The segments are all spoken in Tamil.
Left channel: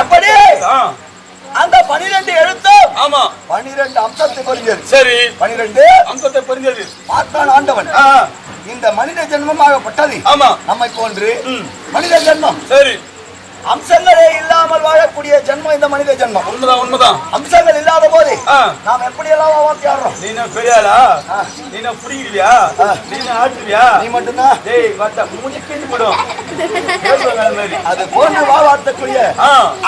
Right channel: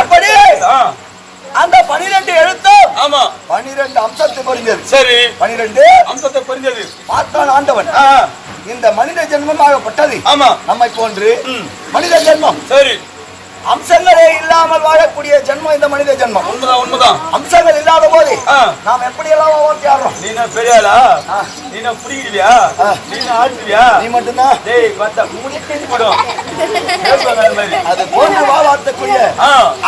அப்படி அந்த 12 எழுத்தும் ஆமா 12 அம்சத்தை பொறிஞ்சது. சரி, 12 அம்சத்தை பொறிஞ்சது. பார்த்தான் ஆண்டவன், இந்த மனித ஜென்மமாகப்பட்டது ஆமா நம்மை போன்று மனித ஜென்மம். சரி, அம்சங்களே இல்லாமல் வாழக்கூடிய ஜென்மம் இந்த மனித ஜென்மம். உண்மைதான். அம்சங்கள் இல்லாத போது நாம் எப்படி எல்லாம் வாத்தியாடுறோம். நீ பெரியாளா, நீ புடிக்கிறியா, நீ ஆட்டுவியா, நீ மட்டும்தான் அது போன்று வாழக்கூடிய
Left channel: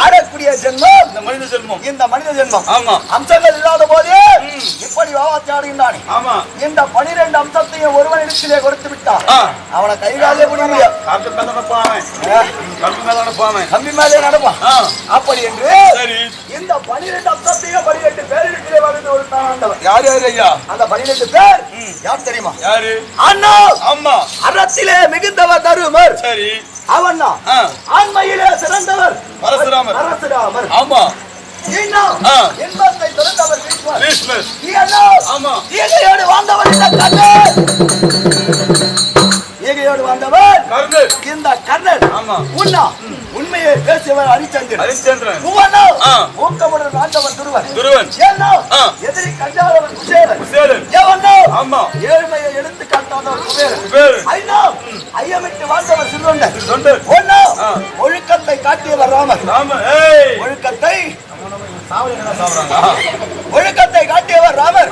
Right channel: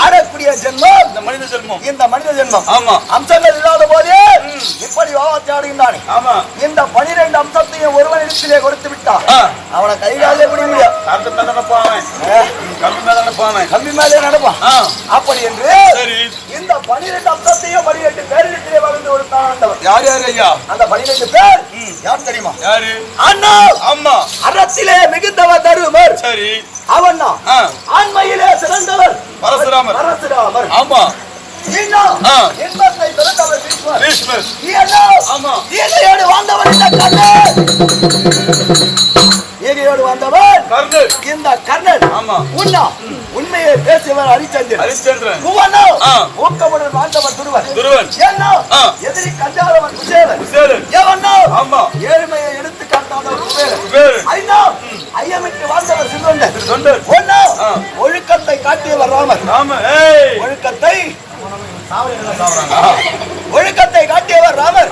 ஆடக்கூடிய ஜென்மம் இந்த மனித ஜென்மம். இந்த மனித ஜென்மம் ஆமா அம்சங்கள் இல்லாத போது இப்படி வாத்தியாடுகின்றானே. ஆமா, இந்த 12 அம்சத்தையும் ஒருவனிடத்திலே கொடுத்து விட்டான், அவனை கைகாலே முடிய முடியாது. கம்பி மேலே நடப்பான். அப்படி என்று இந்த 12 அம்சத்தையும் 12 பேரிடத்திலே வகுத்து கொடுத்தான் ஆண்டவர். யார் யார் ஐயா அந்த 12 பேர்? யார் தெரியுமா? யாரு? அண்ணா அம்மா அறத்திலே மிகுந்தவர் தருமர். சரி, அவன் ஆண்மையிலே சிறந்தவர் பரசுராமர். பரசுராமர் ஆமா. இன்பத்தை திறந்தவர் பீஷ்மர். ஈகையோடு வாழ்ந்தவர் இந்த கர்ணன். ஈகையோடு வாழ்ந்தவர் இந்த கர்ணன். உண்ணா உண்மையை பேசியவர் ஹரிச்சந்திரன். ஊக்கமுடன் வாழ்ந்தவர் துருவன். எதிரி கஞ்சாதவன் குசேலன். ஏழ்மையை எடுத்து காட்டாதவர் குபேரன். ஐயமிட்டு வாழ்ந்தவர் சிறுதொண்டர். ஒழுக்கத்தை காட்டியவர் ராமர். ஒழுக்கத்தை காட்டியவர் ராமர்.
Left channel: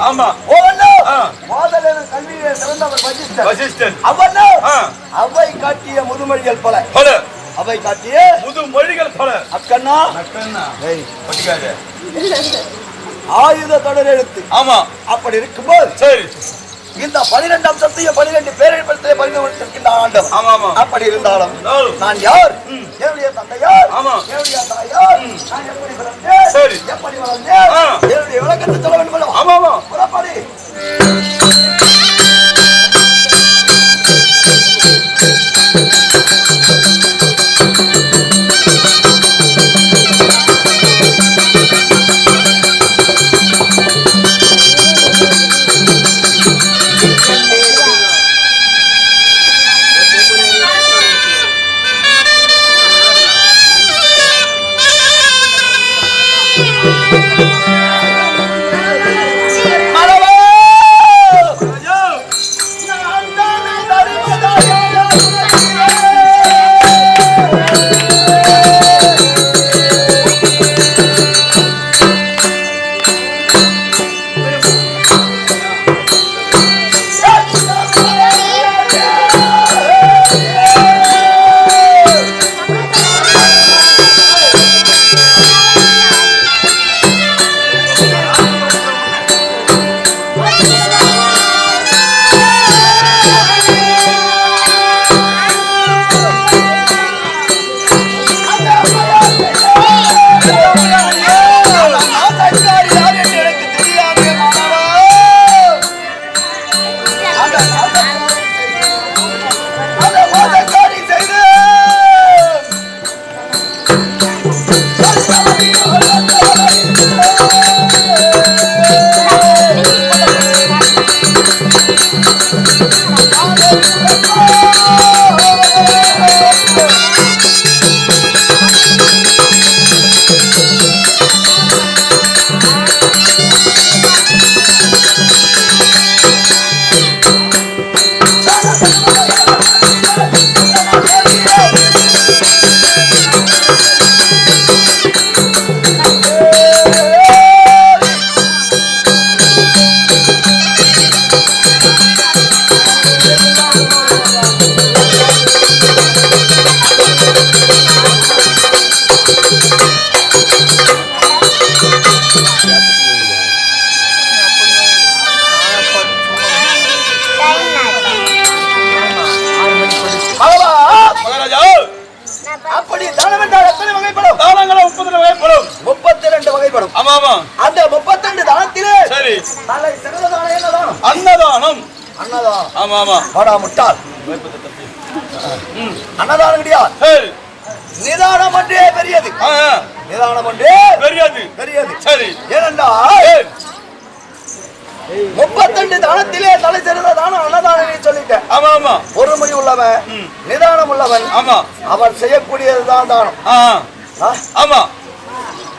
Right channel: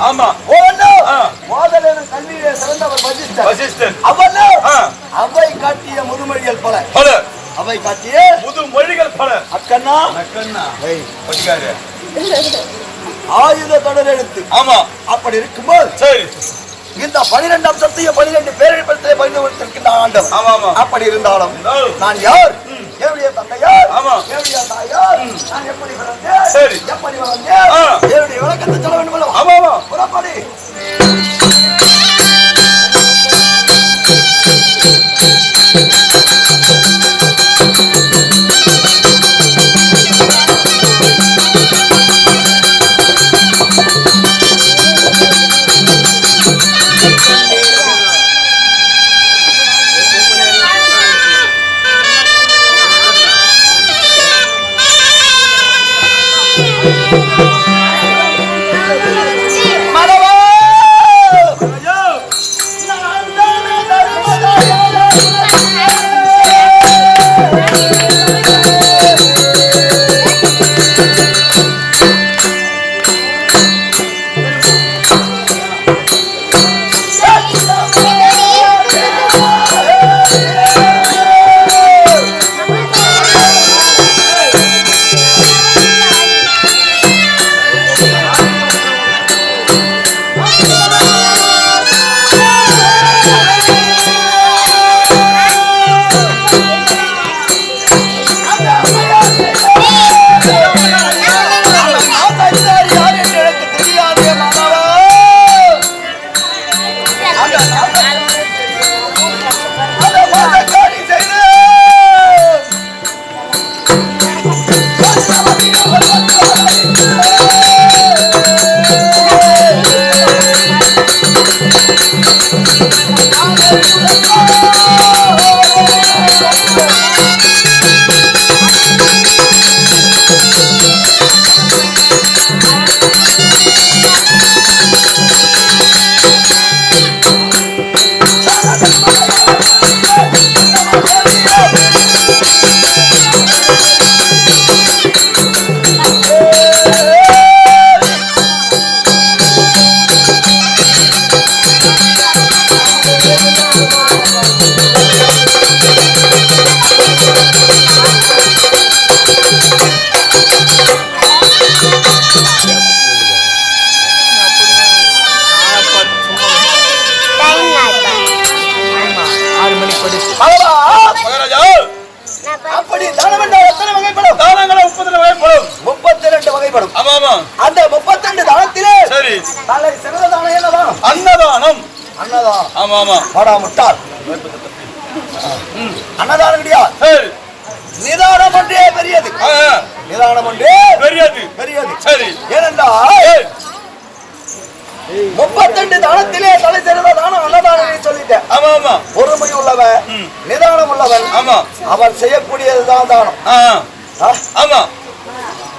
கல்வியிலே சிறந்தவர் வசிஷ்டர். அவை காட்டிய முதுமொழிகள் பல. அவை காட்டிய முதுமொழிகள் பல. அக்கண்ணா ஆயுத தொடர் எழுத்து. ஆமா, அப்படி இருக்கும்போது சரி இந்த 12 அம்சத்தையும் 12 பேரிடத்திலே பகிர்ந்து கொடுத்திருக்கின்ற ஆண்டவர். அப்படி இருந்தாலும் நான் யார், என்னுடைய தந்தையார், என்னுடைய தாயார், நான் எப்படி பிறந்தேன், எப்படி வளர்ந்தேன், என்னுடைய விளக்கத்தை சொல்ல வேண்டும். ஆமாமா, புறப்படி. அப்படி தானம் என்றால் எத்தனை வகைப்படும்? தானங்கள் 32 வகைப்படும். 32 வகைப்படும். ஆமா, அந்த 32 தானத்திலே சரி தலை சிறந்த தானம் என்ன தானம்? அன்னதானம். அன்னதானம். ஆமா, வாடா முட்டாள். அன்னதானம் கிடையாது, நிதானம் ஒன்றே பெரியது. நிதானம் ஒன்றே பெரியது. சரி, ஏனென்றால் 32 தானத்திலே தலை சிறந்த தானம் அன்னதானம் சொல்லிட்டேன். ஆமா, பொறுமை உள்ளவன், நிதானம் உள்ளவன், ஆமா, அவன் செய்யக்கூடியதுதான் தானம். ஆமா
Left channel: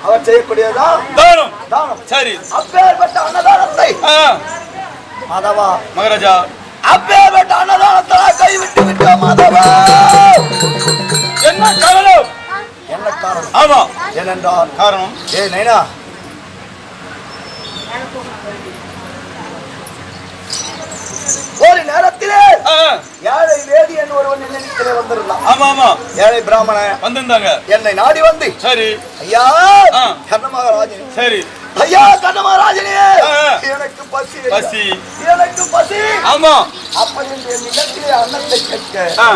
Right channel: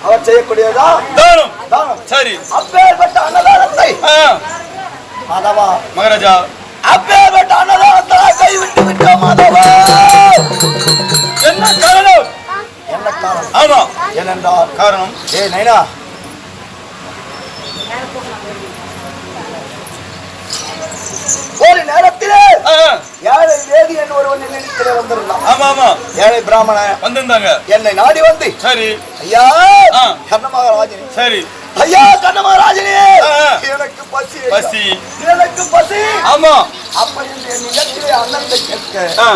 அவர் செய்யக்கூடியதான் தானம். தானம். சரி, அப்பேற்பட்ட அன்னதானத்தை மாதவா மகாராஜா, அப்பேற்பட்ட அன்னதானத்தை கைவிட்டு விட்டோம் மாதவா. என்ன காரணம்? என்ன காரணம்? ஆமா, ஏனென்றால் காரணம் நைனா ஒரு நேரத்திலே ஏழை வேதியன் ஒருவன் நினைத்திலே வந்திருந்தான். ஆமா ஆமா, ஏழை பிராமணன் வந்திருந்தாங்க. என்னை நாடி வந்து, சரி ஐயா கண்ணமகாராஜனே, சரி ஐயா கண்ணமகாராஜனே, எனக்கு பசி பசி, எனக்கு பசி. ஆமா, அப்படி என்று என் நிலத்திலே அன்னத்தை கேட்க,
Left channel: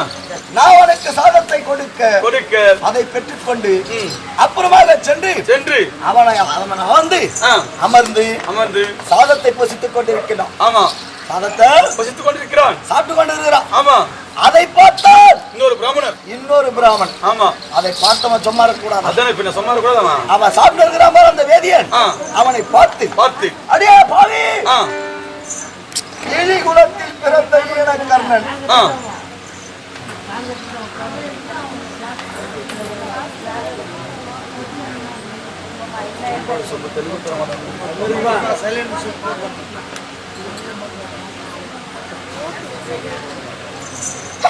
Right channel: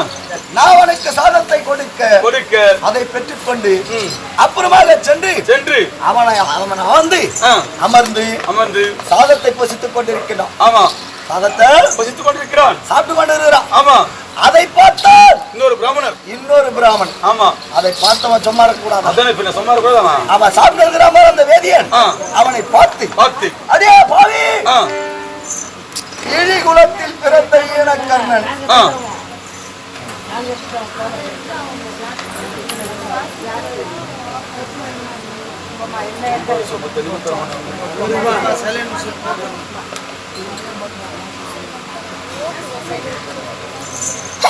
நான் உனக்கு சாதத்தை கொடுக்க கொடுக்க அதை பெற்றுக்கொண்டு அப்புறமாக சென்று அவனை வந்து அமர்ந்து அமர்ந்து சாதத்தை பசித்துக் கொண்டிருக்கிறான். ஆமா, சாதத்தை பசித்துக் கொண்டிருக்கிறான். சாப்பிட்டு கொண்டிருக்கிறான். ஆமா, அதை பார்த்தால் இன்னொரு பிராமணன். ஆமா, அதை பார்த்தவன் சும்மா இருக்கக்கூடாது. அதானே பின்ன சும்மா இருக்கக்கூடாதா? அவன் சாப்பிட்டு இருக்கிற மாதிரி அந்த வேதியன் அவனை பார்த்து அடே பாவி, இழி குலத்தில் பிறந்த ஈனக்கர்ணன்,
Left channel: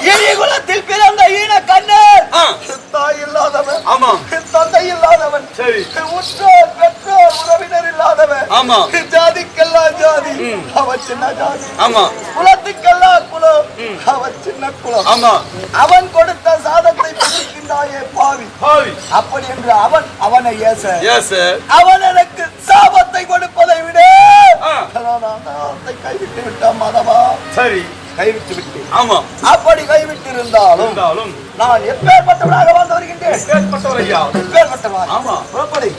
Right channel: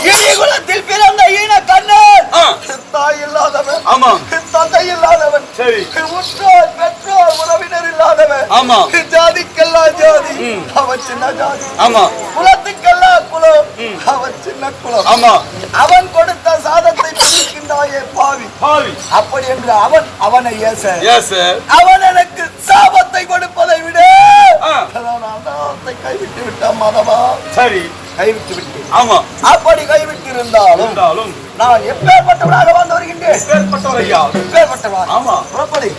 இழிகுலத்தில் பிறந்த ஈனக்கர்ணன், தாய் இல்லாதவன், ஆமா, தந்தை இல்லாதவன், சரி, உற்றோர் பெற்றோர் உறவினர் இல்லாதவன், ஆமா, ஜாதிக்கெல்லாம் ஜாதி, அவன் சின்ன ஜாதி, ஆமா, குலத்துக்கெல்லாம் குலம், அவன் சின்ன குலம், ஆமா, அவன் கொடுத்த சாதத்தை பிடிக்கின்றாயே பாவி பாவி. அப்படி என்று அவனை ஏச அவன் எனக்கு சாபத்தை கொடுப்பதை விட கைவிட்டு விட்டான் மாதவா. சரி, கைவிட்டு விட்டேன். ஆமா, அப்படி கைவிட்டு இருந்தாலும் நான் எப்பேற்பட்டவனாக வாழ்ந்து வருகின்றேன். எப்பேற்பட்டவர் ஐயா? எப்பேற்பட்டவர்? ஆமா, புறப்படி.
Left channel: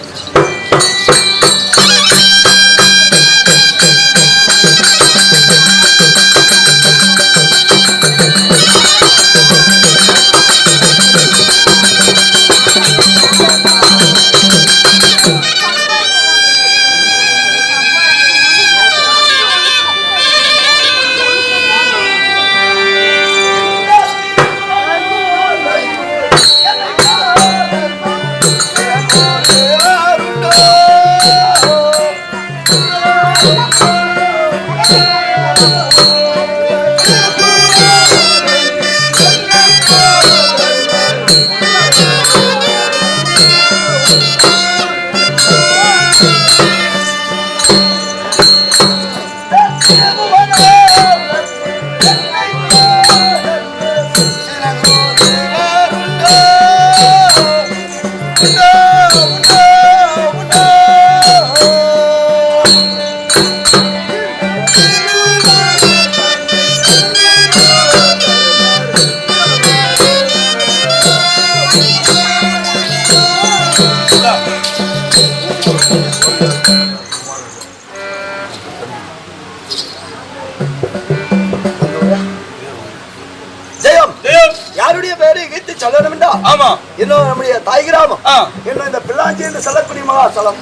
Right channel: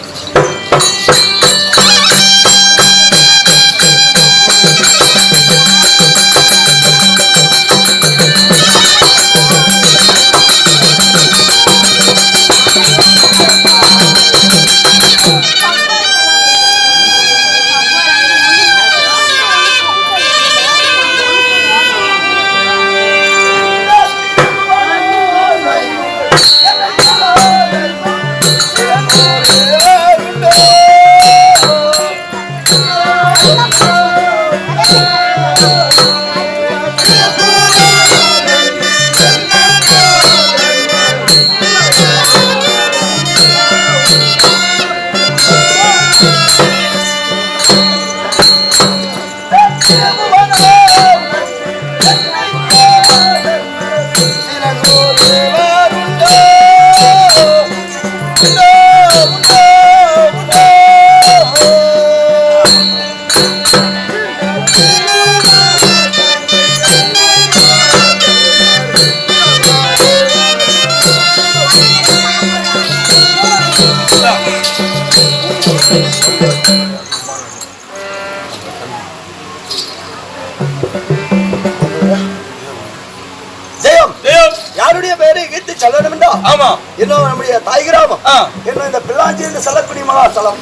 இன்னும் நம்முடைய தாய் கிராமம், இன்னும் இந்த பிள்ளாஞ்சி என்று சொல்லக்கூடிய மகாஸ்தலம்,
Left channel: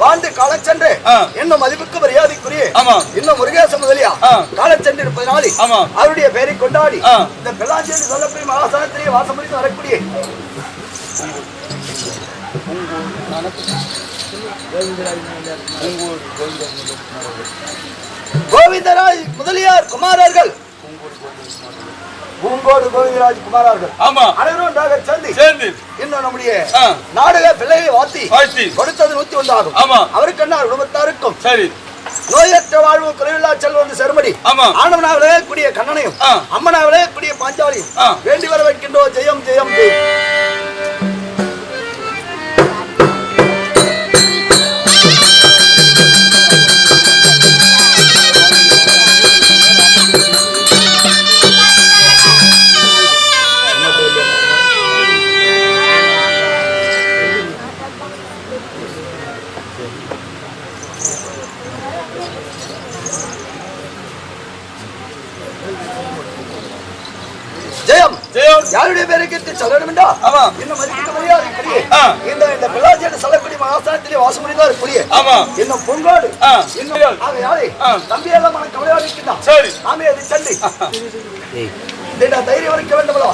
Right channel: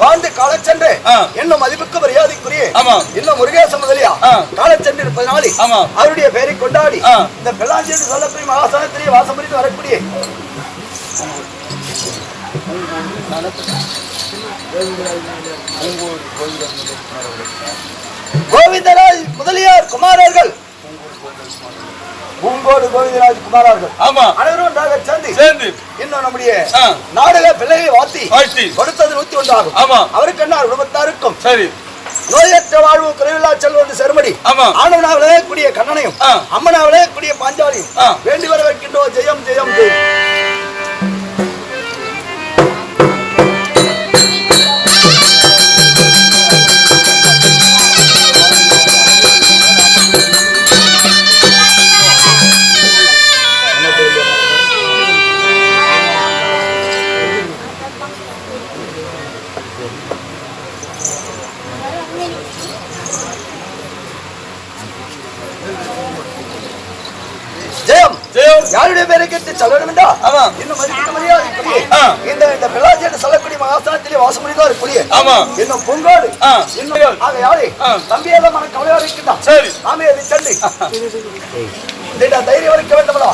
வாழ்ந்து கால சென்று இன்னும் மதிப்புக்கு மரியாதைக்குரிய இன்னும் முருகேச முதலியா கால சென்று இருப்பதனாலே அவருடைய பெயரை கொண்டாடி இந்த பிள்ளாஞ்சி என்று சொல்லக்கூடிய மகாஸ்தலத்திலே வாசம் புரிந்து வரக்கூடிய கோவிந்தராஜ் முதலியார் குமாரர்கள், பூங்கோடு கோவிந்தராஜ் குமாரர்கள் அனைவரும் ஒன்றாக சேர்ந்து இன்னும் நம்முடைய நாடக பிள்ளையை வாழ்த்தி கொடுத்தது 101 ஆகும். அவருக்கு என்ன குடும்பத்தாருக்கும் சரி நோயற்ற வாழ்வு குறைவில்லா செல்வம் செருமடி ஆண்டவனா விளையக்கூடிய கண்ணனையும் அம்மனா விளையக்கூடிய பாஞ்சாலியும் வேண்டி வர வைக்கின்றோம். ஜெயம் ஜெயம் ஜெயம். யாருடைய பேரை கேட்டு சொல்லணும் என்றா இன்னும் மதிப்புக்கு மரியாதை கூடிய இந்த பிள்ளாஜி சொல்லக்கூடிய மகாஸ்தானத்திலே வாசம் புரிந்தார் கூடிய இன்னும் பொங்கோடு இன்னும் ஆக யாரே தம்பியெல்லாம் மன கவலையோடு இருக்கின்றான். சரி, நாமே அதை சென்று தைரியம் வரைக்க வேண்டும்ல.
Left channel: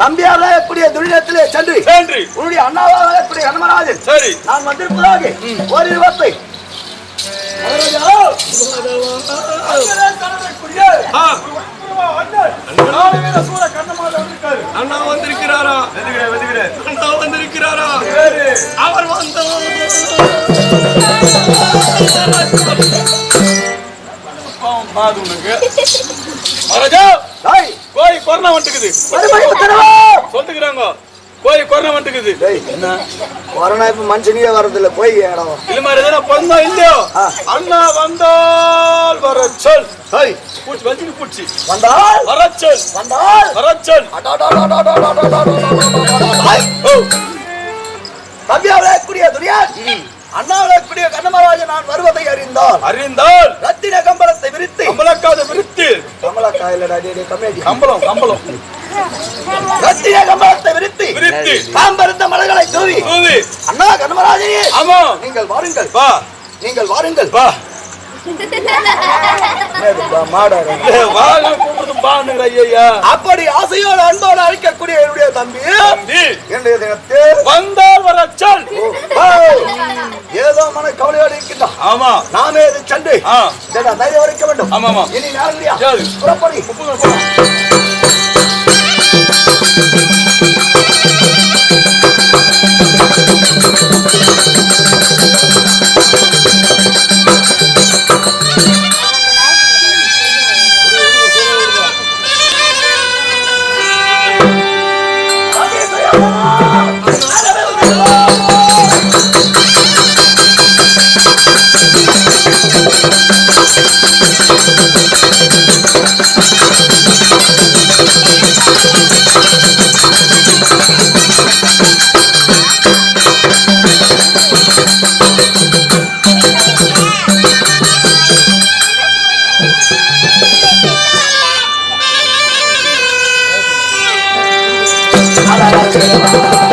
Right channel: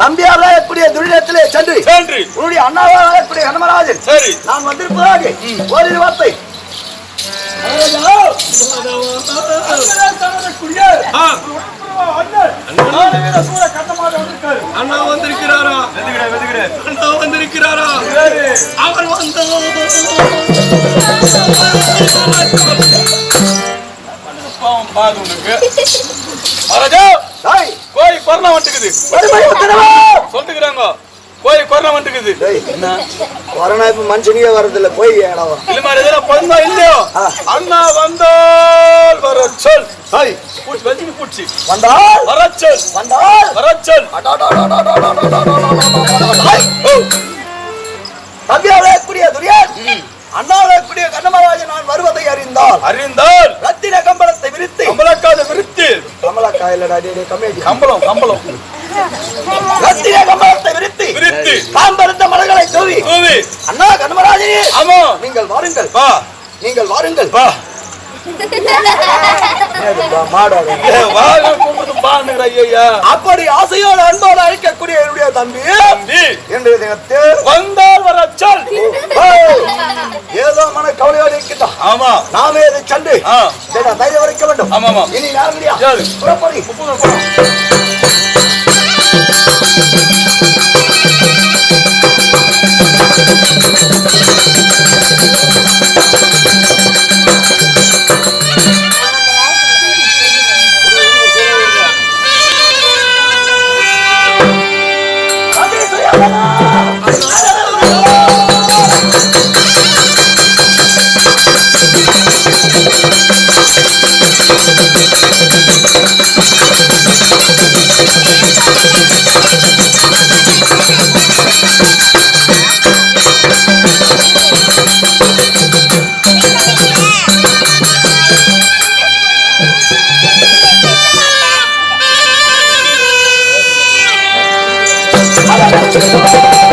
தம்பியாரே கூடிய துரிதத்திலே சென்று உன்னுடைய அண்ணாவாக கூடிய கண்ணமராஜன் நான் வந்திருப்பதாக ஒரு வார்த்தை அண்ணா வந்திருக்கிறாரா? அண்ணா வந்திருக்கிறாரா? அவர் வந்து கோழி கொரோனா வந்துக்குது சொல்லுகிறாங்க. கோழி கொரோனா வந்துக்குது. கொரோனா இப்ப மனுஷனியே வர்றதில்ல. போய் இடம் இல்ல மாதிரி எதனா பொண்ணா இல்லையோ அண்ணா வந்தால் வர சொல். பூச்சி வச்சு பூச்சி வந்தால் வரச்சல் வந்தால் வரச்சல். தம்பியாவே கூடிய துரியான் அண்ணாவே கூடிய கண்ணமராஜன் நான் வருவதை அறிந்தால் ரத்தின கம்பளத்தை விரித்து கம்பளக்காத விரித்து கம்பளக்காயிலடா கம்மேடி கம்பளம் கம்பளம் ரத்தின கம்பளத்தை விரித்து காம்பருந்த மலர்களை தூவி அண்ணா கண்ணமராஜனே ஆமா நீங்கள் வாருங்கள் வா நீங்கள் வாருங்கள் வா அப்படி ஆசையோடு அன்போடு அழைக்கக்கூடிய என்னுடைய தம்பி இன்றைய தினத்தில் வந்தால் வரச்சல். ஏதோ மன கவலையோடு இருக்கின்றோம். ஆமா நாமே இதை சென்று தைரியம் வரைக்க வேண்டும். ஆமா இனி நேரம் புறப்படி. Hello.